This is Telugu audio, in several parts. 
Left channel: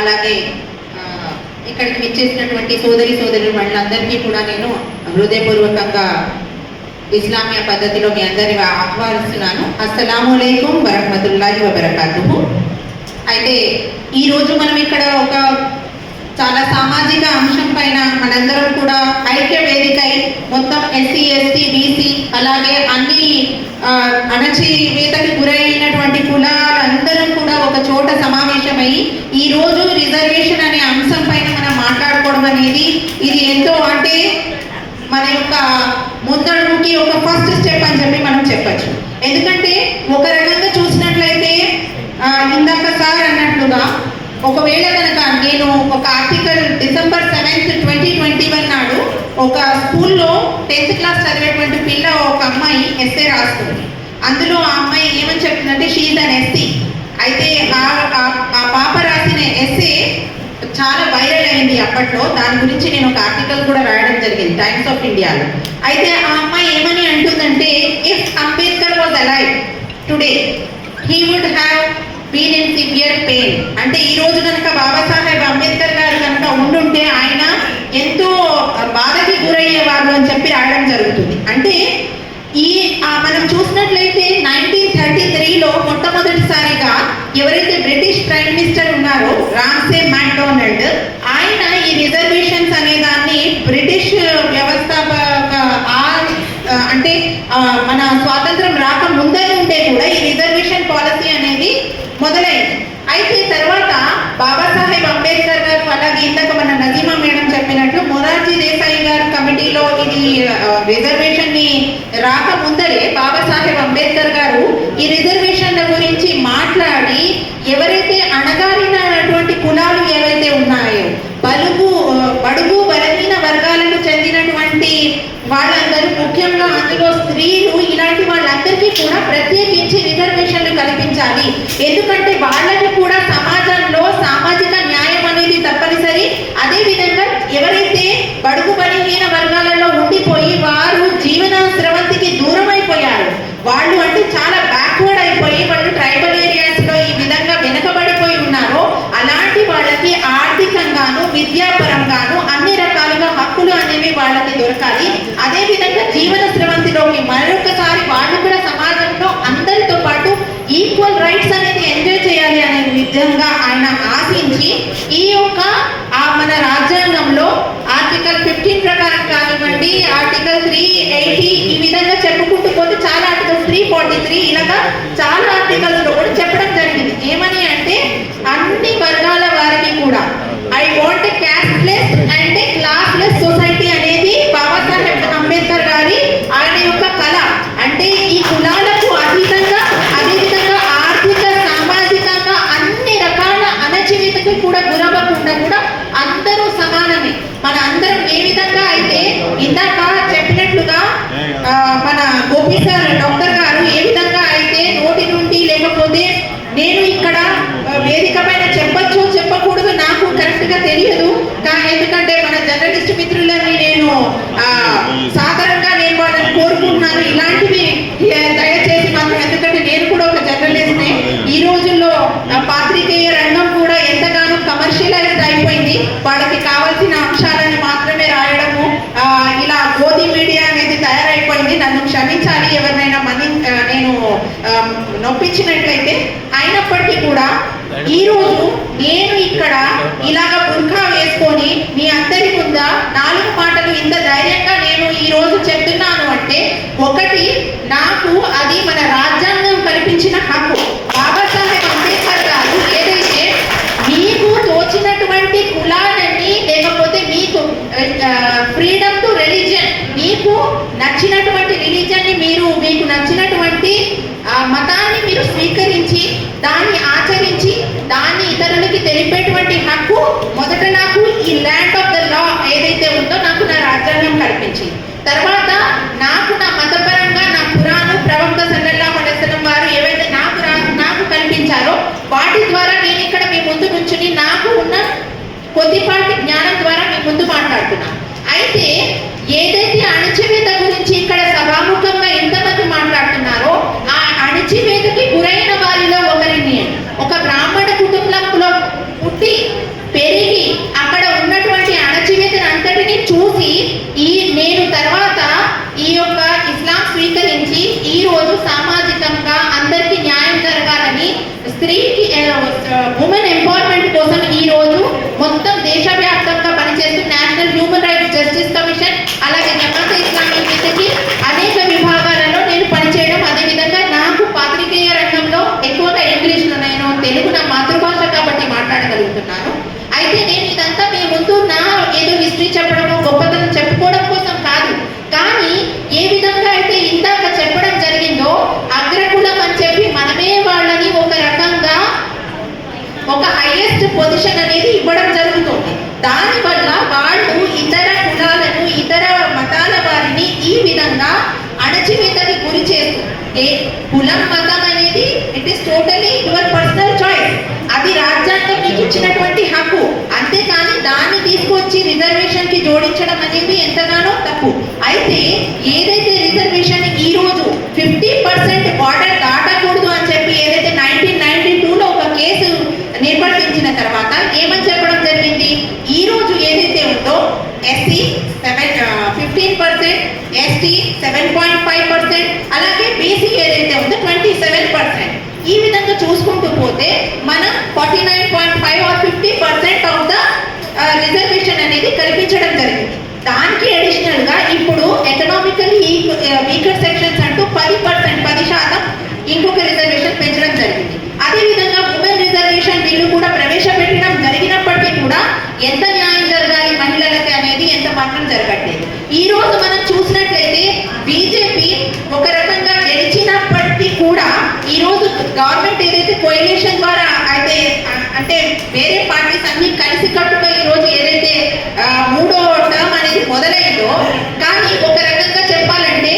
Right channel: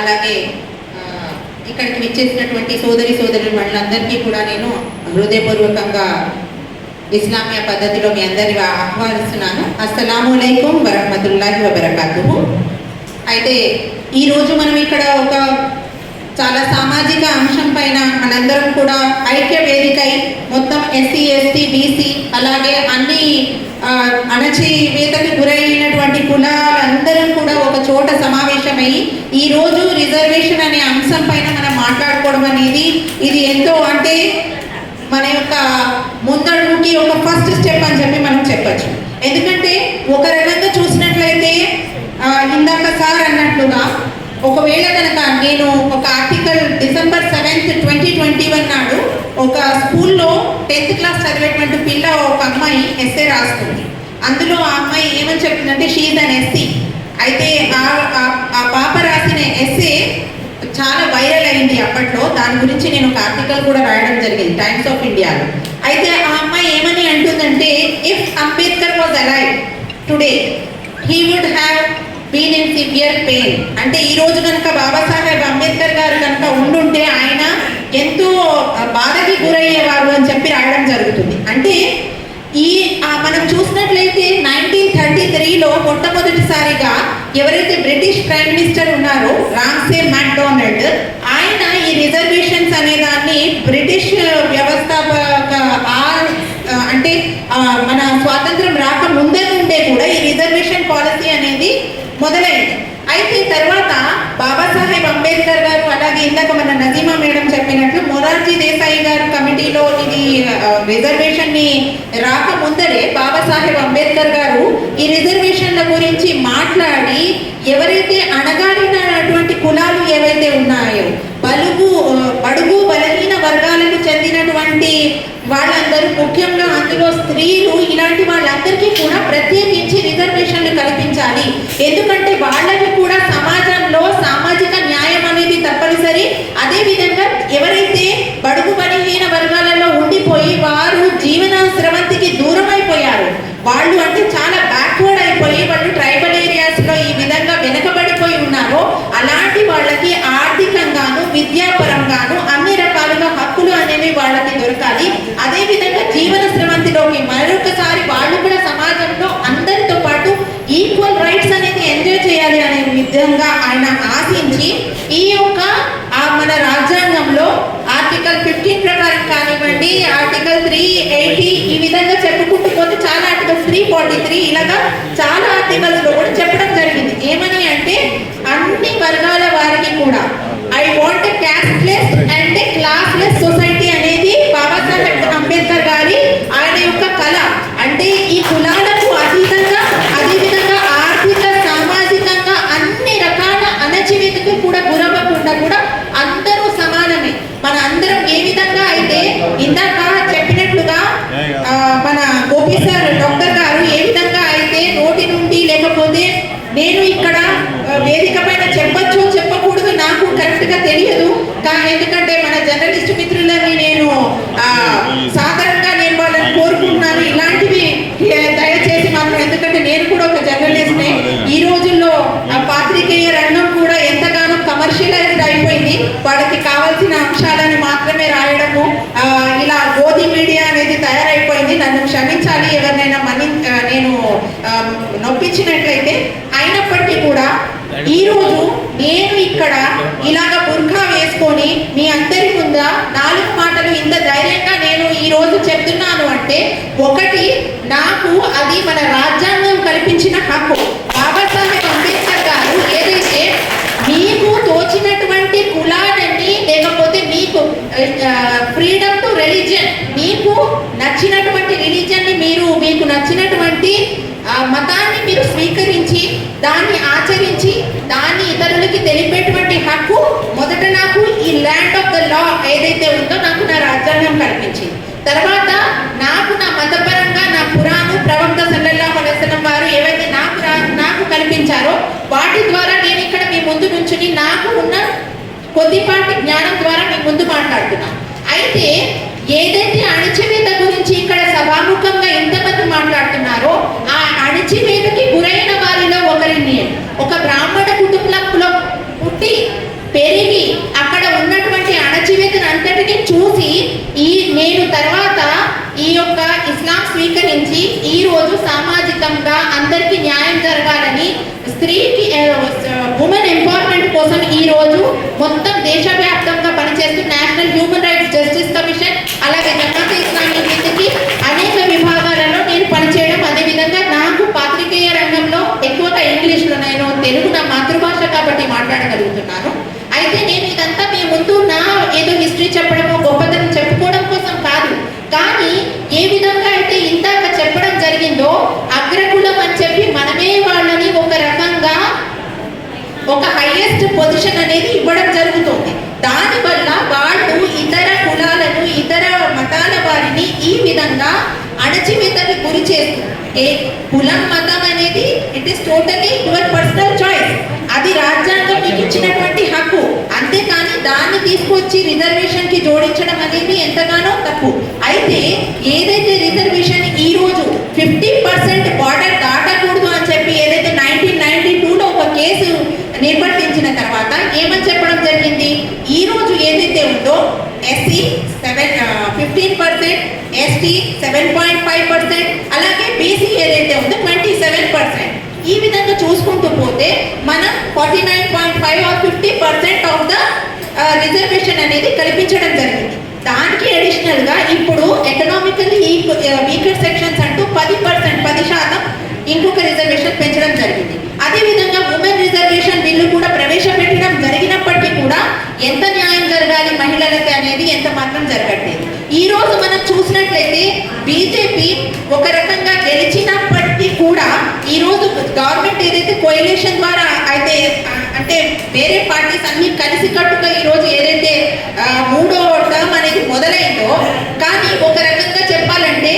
అలాగే ఇక్కడికి విచ్చేసినటువంటి సోదరి వాళ్ళందరికీ కూడా నేను హృదయపూర్వకంగా ఇస్లామియా పద్ధతిలో మీ అందరినీ ఆహ్వానిస్తున్నాను. అస్సలాము అలైకుం వరహ్మతుల్లాహి వబరకాతుహు. అయితే ఈరోజు మనం ఇక్కడ ఒక చాలా సామాజిక అంశం పైన మనందరం కూడా ఐక్య వేదికై మొత్తం ఎస్సీ ఎస్టీ బీసీ అలాగే అన్ని అణచివేతకు గురైనటువంటి కులాలందరం కూడా ఒక చోట సమావేశమై ఈరోజు రిజర్వేషన్ అనే అంశం పైన మనం మాట్లాడుకోవడం అనేది ఇది ఎంతో అంటే మన యొక్క ముందడుగుకి ఒక ఫస్ట్ స్టెప్ అని చెప్పి మనం చెప్పచ్చు. ఎందుకంటే ఒక రకంగా చూసినట్లయితే ఇందాక సార్ అన్నట్లుగా ఒకవేళ కనుక నేను ఒక ఆర్టికల్ డిసెంబర్ 7th 2021 నాడు ఒక స్కూల్లో 10th క్లాస్ చదివేటువంటి పిల్ల ఒక అమ్మాయి ఎస్సే రాస్తుంది. అందులో ఆ అమ్మాయి ఏమని చెప్తుందంటే షీఈ్ అన్ ఎస్సీ. అయితే ఆ పాప రాసిన ఎస్సే చాలా వైరల్ అయింది అప్పట్లో. దాని గురించి నేను ఒక ఆర్టికల్ కూడా రాయడం జరిగింది టైమ్స్ ఆఫ్ ఇండియాలో. అయితే ఆ అమ్మాయి ఏమని అంటుందంటే, if Ambedkar was alive today he would have been in severe pain. అంటే ఈ రోజు కనుక బాబాసాహెబ్ అంబేద్కర్ గారు కనుక ఉండుంటే ఆయన ఎంతో బాధకి గురయ్యేవారు అని చెప్పి రాయడం జరుగుతుంది. అంటే మనం చూసినట్లయితే 1933లో మొట్టమొదటిసారిగా ఎవరైతే బ్రిటిష్ ప్రైమ్ మినిస్టర్ ఉన్నారో రామ్సే మ్యాక్డొనాల్డ్, ఆయన ఈ రిజర్వేషన్స్ అనే దాన్ని బ్రిటిష్ వ్యవస్థాపక అంటే మన స్వాతంత్రం రాక ముందే ఉండే కూడా ఈ రిజర్వేషన్ పాలసీ అనేది మొదలైంది. అయితే తర్వాత బాబాసాహెబ్ అంబేద్కర్ గారు అలాగే ఇందాక మన నజీమా మేడం చెప్పినట్లు మొరార్జీ దేశాయి గారు కమిటీలో ఇది రిజర్వేషన్ ని రాక ముందరే బాబాసాహెబ్ అంబేద్కర్ గారు ఈ రిజర్వేషన్ల గురించి మాట్లాడి ఎవరైతే అణగారినటువంటి కులాలు ఏవైతే ఉన్నాయో బడుగు బలహీన వర్గాలకు చెందినటువంటి వాళ్ళందరూ, ముఖ్యంగా అందులో స్త్రీలు, ఇలాంటి వాళ్ళందరికీ కూడా ప్రత్యేకించి రిజర్వేషన్లు కల్పించాలి. ఎందుకంటే వాళ్ళకి కూడా సమాజంలో సామాజిక న్యాయం అనేది తప్పనిసరి. అదేవిధంగా ఎవరైతే బడుగు బలహీన వర్గాలలో ఉండిపోయి వారు జీవన స్రవంతికి దూరం అయిపోయారు, వాళ్ళు అంటే చాలా బ్యాక్వర్డ్ అయిపోయి వాళ్ళు ట్రైబల్ ఏరియాస్ లో ఈ విధంగా వెనుకబడిపోయి ఉన్నారో అలాంటి వాళ్ళకి ఆర్థికంగాను విద్యాపరంగాను అన్ని రకాలుగా హక్కులు అనేవి వాళ్ళకి దొరకాలి. అదేవిధంగా జీవన స్రవంతిలోకి మరొకసారి వాళ్ళు కూడా సమాజంలో అందరితో పాటు ఈక్వల్ రైట్స్ అనేది ఎంజాయ్ చేయాలి అనే విధంగా ఆయన ఆశించి ఈ యొక్క మన రాజ్యాంగంలో ఆర్టికల్ 15 ప్రకారం కానివ్వండి, ఆర్టికల్ 380 ఈ విధంగా చెప్పుకుంటూ పోతే చాలా ఆర్టికల్స్ 343 ఇలాగా చాలా ఆర్టికల్స్ లో కూడా చెప్పడం జరిగింది. ఏమని అంటే అన్ని వర్గాల వారికి కూడా I want a casteless and a classless society అనేది బాబాసాహెబ్ అంబేద్కర్ గారి ఆయన యొక్క కళ. అంటే ఈ కులాలకు అతీతంగా అదేవిధంగా ఆర్థిక సామాజికంగా అన్ని రకాల అణచివేతకు కూడా గురవ్వకుండా కూడా అందరూ సమానమే. మన అందరం ఏ విధంగా అయితే ఇందాక చెప్పినట్లుగా మన గోపి సార్ డాక్టర్ గారు ఏ విధంగా అయితే నోటి నుండి లేకపోతే నేను ఇక్కడ వేదిక పైన చెప్పొచ్చు చెప్పకూడదు నాకు కరెక్ట్ గా తెలియదు, ఎందుకంటే మన జర్నలిస్ట్ మిత్రులని నేను సాధారణంగా నేను వాళ్ళని కోరుకుంటున్నాను ఇలాంటివి దయచేసి మాత్రం, ఎందుకంటే నేను కూడా ఒక జర్నలిస్ట్నే. ఈ రోజుల్లో పాత్రికేయ రంగం కూడా ఎంతగానో కమర్షియలైజ్డ్ అయిపోయింది. వాళ్ళకి కావాల్సిన అంశాలను మాత్రమే రాయడము, ఇలా గోధి మీడియా అనేది తయారైపోయింది. నన్ను క్షమించాలి ఎవరినైనా నేను నొప్పించినట్లయితే. అయినప్పటికీ కూడా ఈ రోజు నేను ఇక్కడ ఇలాగ బుర్ఖా వేసుకొని మీ అందరి ముంద 4 మాటలు ఇంత ధైర్యంగా నేను ఈ రోజు చెప్తున్నాను అంటే, ఒకటి నాకు అది మన రాజ్యాంగం కల్పించిన హక్కు. బాబాసాహెబ్ అంబేద్కర్ గారు ఏదైతే మీకు తోచినటువంటి కులాలని లేకపోతే మీకు ఫ్రీడమ్ టు రిలీజియన్, మీకు నచ్చినటువంటి రిలీజియన్ ని మీకు నచ్చినటువంటి మతాన్ని మీరు స్వీకరించి దాన్ని ఆచరించి దాన్ని ఇతరులకి తెలిపేటువంటి హక్కు మొదట నాకు ఈ ల్యాండ్ ఆఫ్ ద లా ఏదైతే ఉందో నాకు నా రాజ్యాంగం కల్పించింది. తర్వాత నాకు నా మతపరంగా నా ఖురాను ప్రవక్త సల్లల్లాహు అలైహి వసల్లం వారు ఏవైతే నాకు కల్పించారో వాటి ద్వారా నేను ఇక్కడ మీ ముందు నుంచుని నాకు ఉన్న కొద్దిపాటి జ్ఞానం ద్వారా మీ ముందు మాట్లాడుతున్నాను. అయితే ఏదైతే అణచివేత గురించి ఇక్కడ సభాముఖంగా ఎంతమంది మాట్లాడుతున్నారో ఆ అణచివేతకి గురైన వారిలో ఒకరిని, ఒక బ్రాహ్మణ కుటుంబంలో పుట్టి చెప్పగలుగుతున్నాను. అయితే నేను ఇదంతా మీ ముందు నా ఏదో హిస్టరీ చెప్పడమో గొప్పతనం చెప్పుకోవడం కోసం కాదు, కానీ ఏ విధంగా అయితే ఇందాక చెప్పడం జరిగిందో అగ్రకులం అని చెప్పి మనమే వాళ్ళని ఒక రకంగా ఒక హైయెస్ట్ పొజిషన్ అనేది ఇవ్వడం జరుగుతుంది. దానివల్ల వాళ్ళు ఇతర కులాలను ఇతర మతాల వారిని ఈ విధంగా అణచివేతకి గురి చేస్తుంది. కులం మతం అనేది it is totally your personal choice, అది రాజ్యాంగం మీకు ఇచ్చినటువంటి హక్కు. అంతేకాని దాన్ని తీసుకొచ్చి రిజర్వేషన్ కి జోడించడం అనేది ఎంతగానో తప్పు. అయితే ఏదైతే రిజర్వేషన్ ఈ రోజు 50% బార్డర్ దాటకూడదు అని చెప్పి ఏదైతే 1992లో ఒక కేసు నిర్వర్తించిన తర్వాత ఏమని చెప్పడం జరిగింది, ఈ రోజు ఏదైతే ఉందో ఎస్సీ 15%, ఎస్టీ 7.5%, అలాగే బీసీ ఏదైతే ఉందో 27%. ఈ విధంగా చూసుకుంటూ పోతే మనం 49.5 or 50% ఆఫ్ ద రిజర్వేషన్ అనేది కల్పించడం జరిగింది. దానికి అడిషనల్ గా ఇప్పుడు ఎకనామికల్లీ వీకర్ సెక్షన్స్ అంటూ 10% ఇంకొక రిజర్వేషన్ పెంచడం జరిగింది. అదే విధంగా ఉమెన్ రిజర్వేషన్ బిల్లు కూడా ప్రవేశపెట్టడం జరిగినప్పటికీ కూడా ఎంత న్యాయం జరగాలి మహిళలకి అనేది ఎంత మాత్రం జరగట్లేదు. ఈ రోజు మనం చూసినట్లయితే బీజేపీ ఒక రకంగా గెలిచినప్పటికీ కూడా ఈ రోజు గవర్నమెంట్ ఏదైతే కోయలేషన్ ద్వారా అయితే అంటే వేరే పార్టీస్ అన్ని కలిసి కట్టుగా ఈ రోజు ఏదైతే 3వ టర్మ్ అనేది మొదలైందో, కానీ ఒక రకంగా చెప్పాలంటే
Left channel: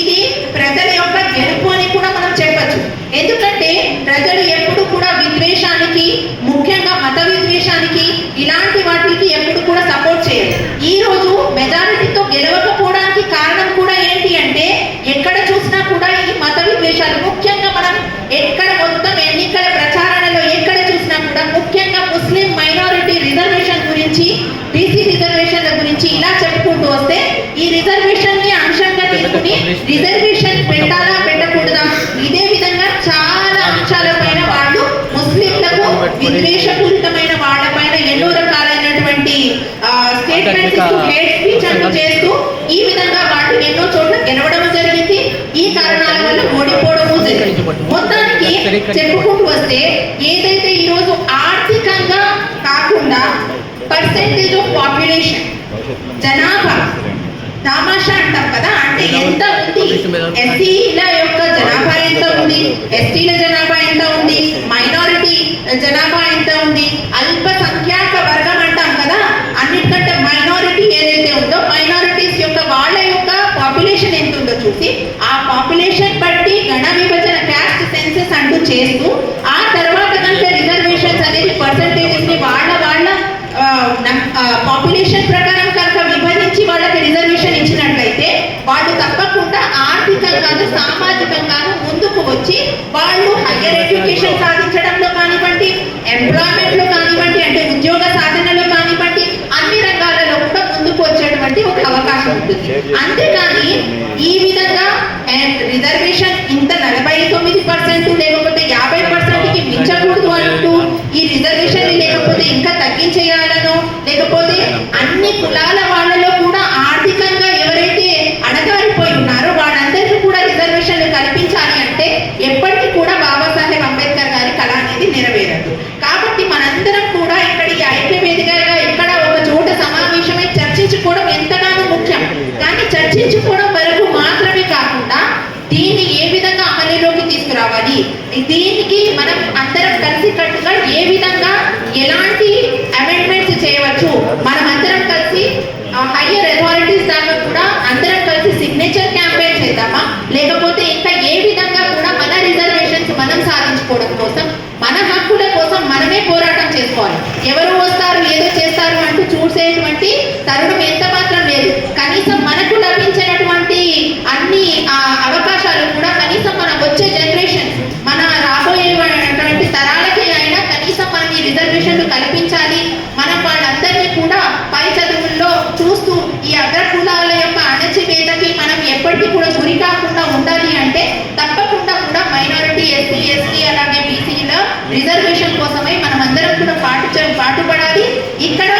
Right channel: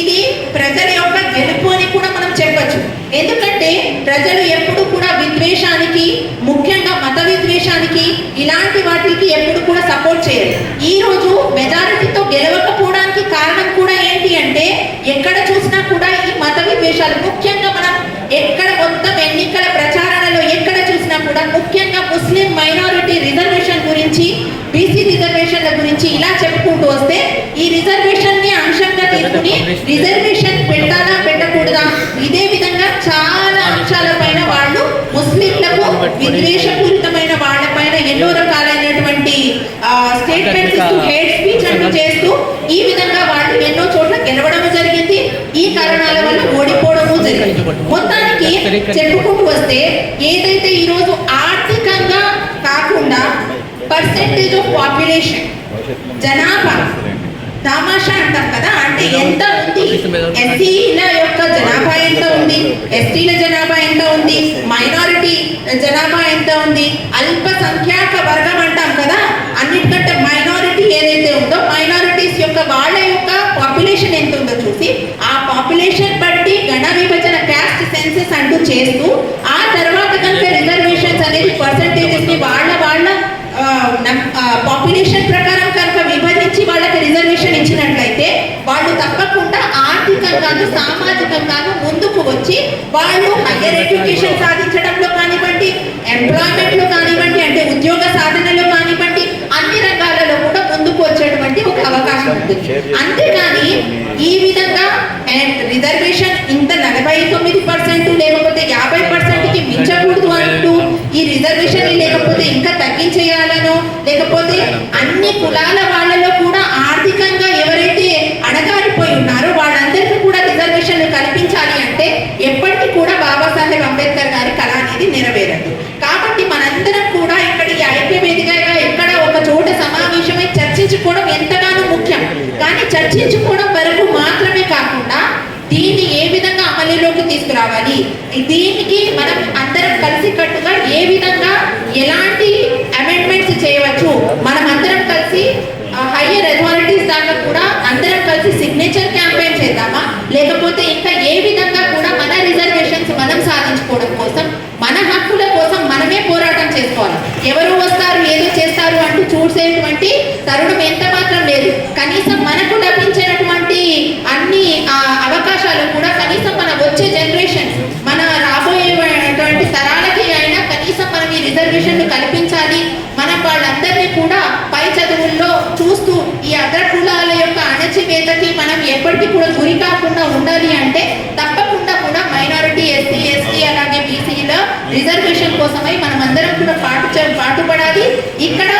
ఇది ప్రజల యొక్క గెలుపు అని కూడా మనం చెప్పచ్చు. ఎందుకంటే ప్రజలు ఎప్పుడు కూడా విద్వేషానికి, ముఖ్యంగా మత విద్వేషానికి, ఇలాంటి వాటికి ఎప్పుడు కూడా సపోర్ట్ చేయరు. ఈ రోజు మెజారిటీతో గెలవకపోవడానికి కారణం కూడా ఏంటి అంటే ఎక్కడ చూసినా కూడా ఈ మత విద్వేషాలు, ముఖ్యంగా మనం ఎక్కడ మొత్తం ఎన్నికల ప్రచారణలో ఎక్కడ చూసినా కూడా ముఖ్యంగా ముస్లిం మైనారిటీ రిజర్వేషన్ గురించి, బీసీ రిజర్వేషన్ల గురించి ఇలా చెప్పుకుంటూ వస్తే ఈ రిజర్వేషన్ ని అంశంగా తీసుకుని రిజర్వేషన్ పెట్టాలా పెట్టకూడదా, ఇదే విధంగా చాలా అంశాల పైన వాళ్ళు ముస్లింలకు విద్వేషపూరితమైన వాళ్ళ పైన ఎన్నో రకాలైనటువంటి స్టేట్మెంట్స్, హేట్ స్పీచ్ అంటూ చేస్తూ ఈ విధంగా వాళ్ళు ఎన్నో చోట్ల గెలవడం జరిగింది. ఈ కారణాల వల్ల ఓడిపోవడము జరిగింది. మొత్తానికి చెప్పుకుంటూ వస్తే ఏదైతే ఈ రోజు ఆర్థికంగా కాకుండా పర్సెంటేజ్ ఆఫ్ పాపులేషన్, జనాభా తమాషా అంటాం కదా, అంటే ఎంత ఉంది, ఎస్సీల యొక్క జనాభా ఎంత ఉంది, ఎస్టీల జనాభా ఎంత ఉంది, మైనారిటీ జనాభా ఎంత ఉంది, అల్ప సంఖ్యాక వర్గం అంటాం కదా, అన్నిటికంటే మైనారిటీ ఏదైతే ఉందో మైనారిటీస్ యొక్క వాళ్ళ యొక్క పాపులేషన్ ఎంత ఉందో చూసి ఆ పాపులేషన్ బట్టి గణ విభజన క్యాస్ట్ సెన్సెస్ అంటూ చేస్తూ ఆ తర్వాత కనుక రిజర్వేషన్స్ అనేది పర్సెంటేజెస్ ని వాళ్ళ పాపులేషన్ ప్రకారం కనుక విభజించి వాళ్ళకి రిజర్వేషన్ ఇచ్చినట్లయితే వాళ్ళు తప్పకుండా ఆర్థికంగాను సామాజికంగాను ముందుకు వచ్చి వాళ్ళు హైయర్ ఎడ్యుకేషన్ సాధించడంలో కానివ్వండి, ఎంప్లాయ్మెంట్ లో కానివ్వండి, అంటే ఉద్యోగ సాధనలో కానివ్వండి, అన్ని రంగాలలో కూడా ముందుకు వచ్చేటువంటి ఒక అవకాశం ఉంటుంది. అంతేగాని ఈ విధంగా రిజర్వేషన్ ఇంత 49% లేకపోతే 50%కి మించకూడదు అంటూ ఈ రిజర్వేషన్ లేకపోతే ఇంకా తగ్గించేయాలనో, లేకపోతే అన్ని కులాల వాళ్ళలో కూడా ఆర్థికంగా ఎవరైతే అణగారిపోయి ఉన్నారో వాళ్ళందరికీ కూడా రిజర్వేషన్లు కల్పించాలి అంటే ఎప్పటికీ కూడా బాబాసాహెబ్ అంబేద్కర్ గారి కళ అనేది నెరవేరదు. కాబట్టి మనందరం కూడా ఇక్కడికి ఐక్యవేదికగా ఎక్కడ ఒక చోట సమావేశమై చర్చించుకోవడం ఎంతగానో ముఖ్యం. కానీ చర్చించుకోవడం వరకు మాత్రమే కాకుండా దీన్ని ఏ విధంగా అమలులోకి తీసుకురావాలి, దీనికి మనం అందరం కలిసి కట్టుగా ఏ విధంగా ఎలాంటి అమెండ్మెంట్స్ చేయవచ్చు, మనం అందరం కలిసి హైయర్ అథారిటీస్ దాకా కూడా అందరం కలిసి సిగ్నేచర్ క్యాంపెయిన్ చేద్దామా, లేకపోతే ఇంకా ఏ విధంగా కూడా మన రిజర్వేషన్స్ మనం సాధించుకోవడం కోసం, మన హక్కుల కోసం మనమే పోరాటం చేసుకోవాలి. ఎవరు వస్తారు ఏదో చేస్తారు అంటూ చూసేటువంటి తరుణం ఎంత మాత్రం లేదు. కనీసం మనకు లభించినటువంటి అన్ని అవకాశాలు కూడా కనీసం మన వచ్చే జనరేషన్, మన రాబోయేటువంటి తరాలకి అయినా కనీసం మనం ఈ రిజర్వేషన్లు కల్పించాలి. మనం వాళ్ళందరినీ కూడా పై చదువుల్లో చూస్తూ ఈ అగ్ర కులాల యొక్క అణచివేతకి మనం ఎప్పటికీ కూడా గురి కాకుండా ఉండాలి అంటే తప్పకుండా కూడా మైనారిటీ, ఎస్సీ, ఎస్టీ అలాగే బీసీల రిజర్వేషన్ కోసమై మనం అందరం కూడా పాటుపడాలి. ఇక్కడ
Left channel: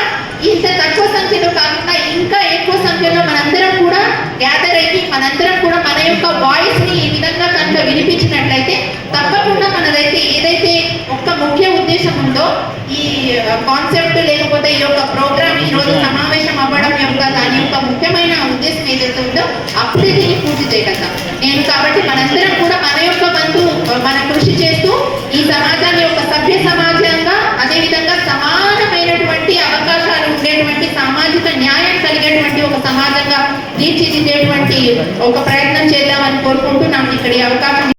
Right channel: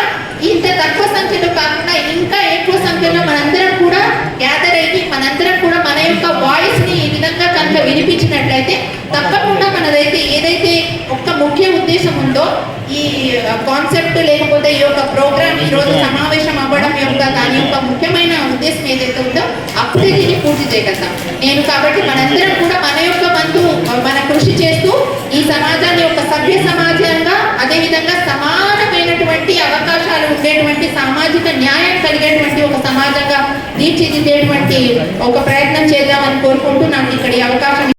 ఇంత తక్కువ సంఖ్యలో కాకుండా ఇంకా ఎక్కువ సంఖ్యలో మనందరం కూడా గ్యాదర్ అయ్యి మనందరం కూడా మన యొక్క వాయిస్ ని ఈ విధంగా కనుక వినిపించినట్లయితే తప్పకుండా మనదైతే ఏదైతే ఒక ముఖ్య ఉద్దేశం ఉందో ఈ చేయగలుగుతాం. కాబట్టి మనందరం కూడా మన యొక్క వంతు మన కృషి చేస్తూ ఈ సమాజ